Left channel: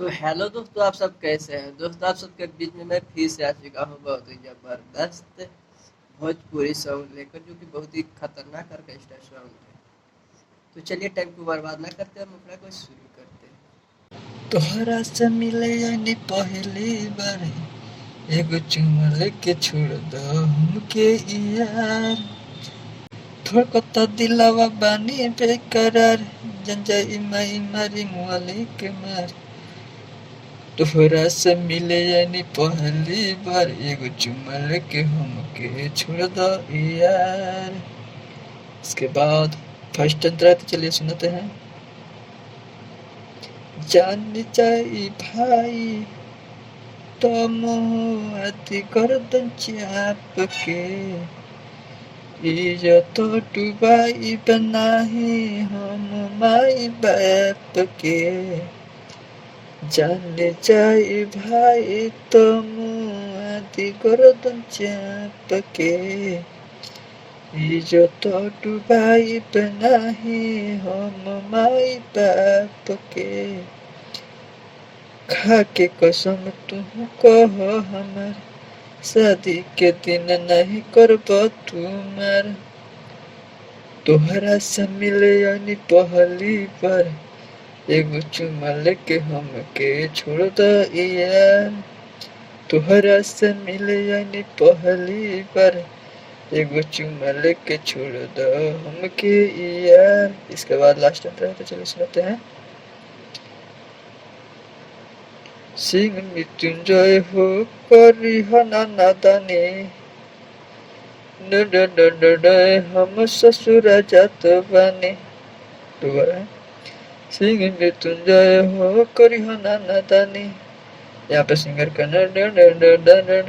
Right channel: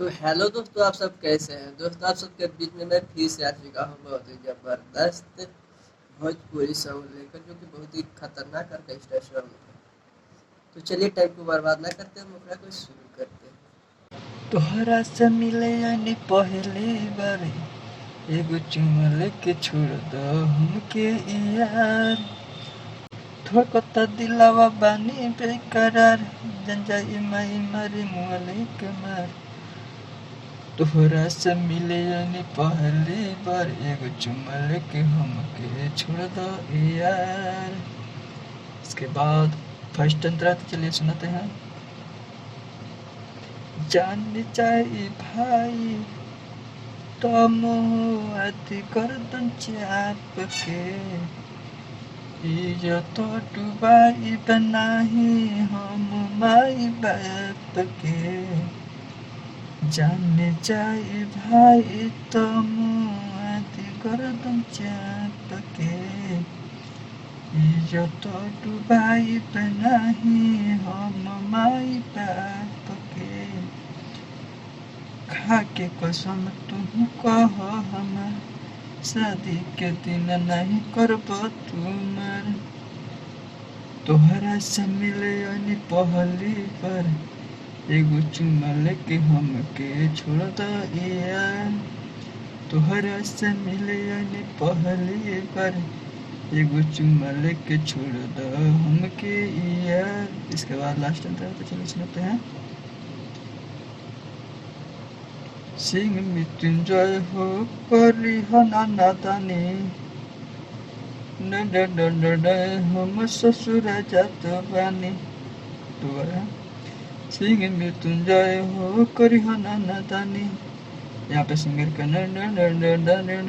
तो हेलो दोस्तों, आप सब कैसे हैं। दोस्तों, आप सबके बीच में मैं फिर से आ चुका हूँ बहुत ही ज़बरदस्त भोजपुरी सॉन्ग लेकर, जो कि बहुत ही खतरनाक ऑर्केस्ट्रा सॉन्ग है। तो चलिए टाइम को बर्बाद ना करते, हम मुखड़ा को शुरू करते हैं। तोहरा से मिले यानी पहली बार एगो चुमा लेके छोड़ दो हमके यार। धड़कता दिलावा बानी बेकरार, जंजाई माई मारी मुआली के मार। तोहरा से मिले यानी पहली बार एगो चुमा लेके हमके छोड़ दो यार। इसके बाद फर्स्ट अंतरा तो चलिए सुनाते हैं। जान जाई भाई तम अति गर्दन चाप के, इज्जत डुबाई बनाही हम माई बाप के। जान जाई भाई तम अति गर्दन चाप के, इज्जत डुबाई बनाही हम माई बाप के। खा के कसम तू कह हमार, शादी के दिन नहीं करब तुम्हार। तोहरा से मिले यानी पहली बार एगो चुमा लेके हमके छोड़ द यार। तोहरा से मिले यानी पहली बार एगो चुमा लेके छोड़ द हमके यार। इसके बाद लास्ट अंतरा तो चलो सुनते हैं। सिंह मृत्युंजय हो करी नादानी, हम ससुर जात बानी। दोबारा। सिंह मृत्युंजय हो करी नादानी, यहाँ पे सिंगर का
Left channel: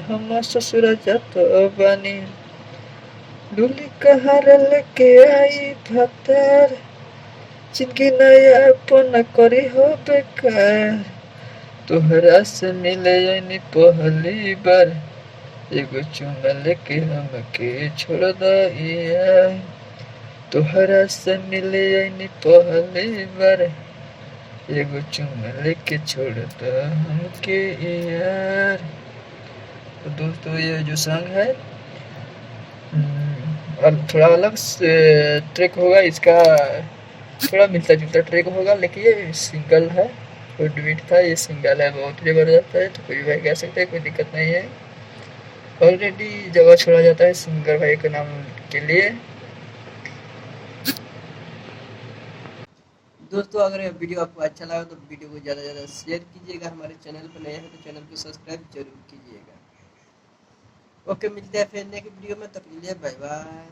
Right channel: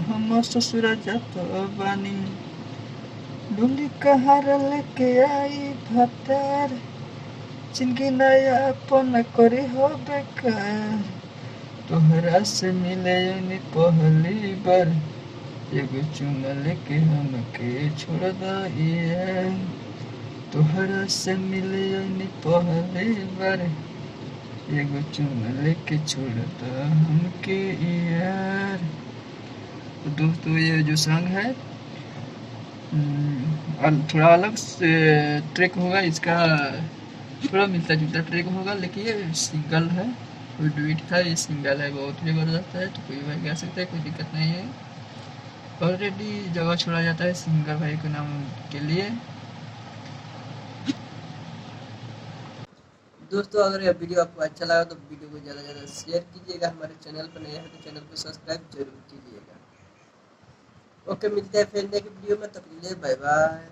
हम ससुर जात बानी। डुली कहार लेके आई भतर, जिनकी नया अपन करी हो बेकार। तोहरा से मिले यानी पहली बार एगो चुमा लेके हमके छोड़ द यार। तोहरा से मिले यानी पहली बार एगो चुमा लेके छोड़ द हमके यार। तो दोस्तों, ये जो सॉन्ग है थोड़ा अलग ट्रैक होगा इसका, थोड़ा मिलता जुलता ट्रैक होगा, लेकिन ये सिंगल है और डुएट था। ये सिंगल है, बहुत ज़बरदस्त है। तो कोई भाई कह सकते हैं, कोई दिक्कत नहीं है। ऑलरेडी जगह छोड़ा जाता है सिंगर भाई के नाम के लिए। दोस्तों, अगर यह वीडियो आपको अच्छा लगा तो वीडियो को ज़्यादा से ज़्यादा शेयर कीजिएगा। हमारे चैनल पर नए हैं तो चैनल को सब्सक्राइब जरूर कीजिएगा। ओके, मिलते हैं फिर नेक्स्ट वीडियो में, तब के लिए बाय बाय।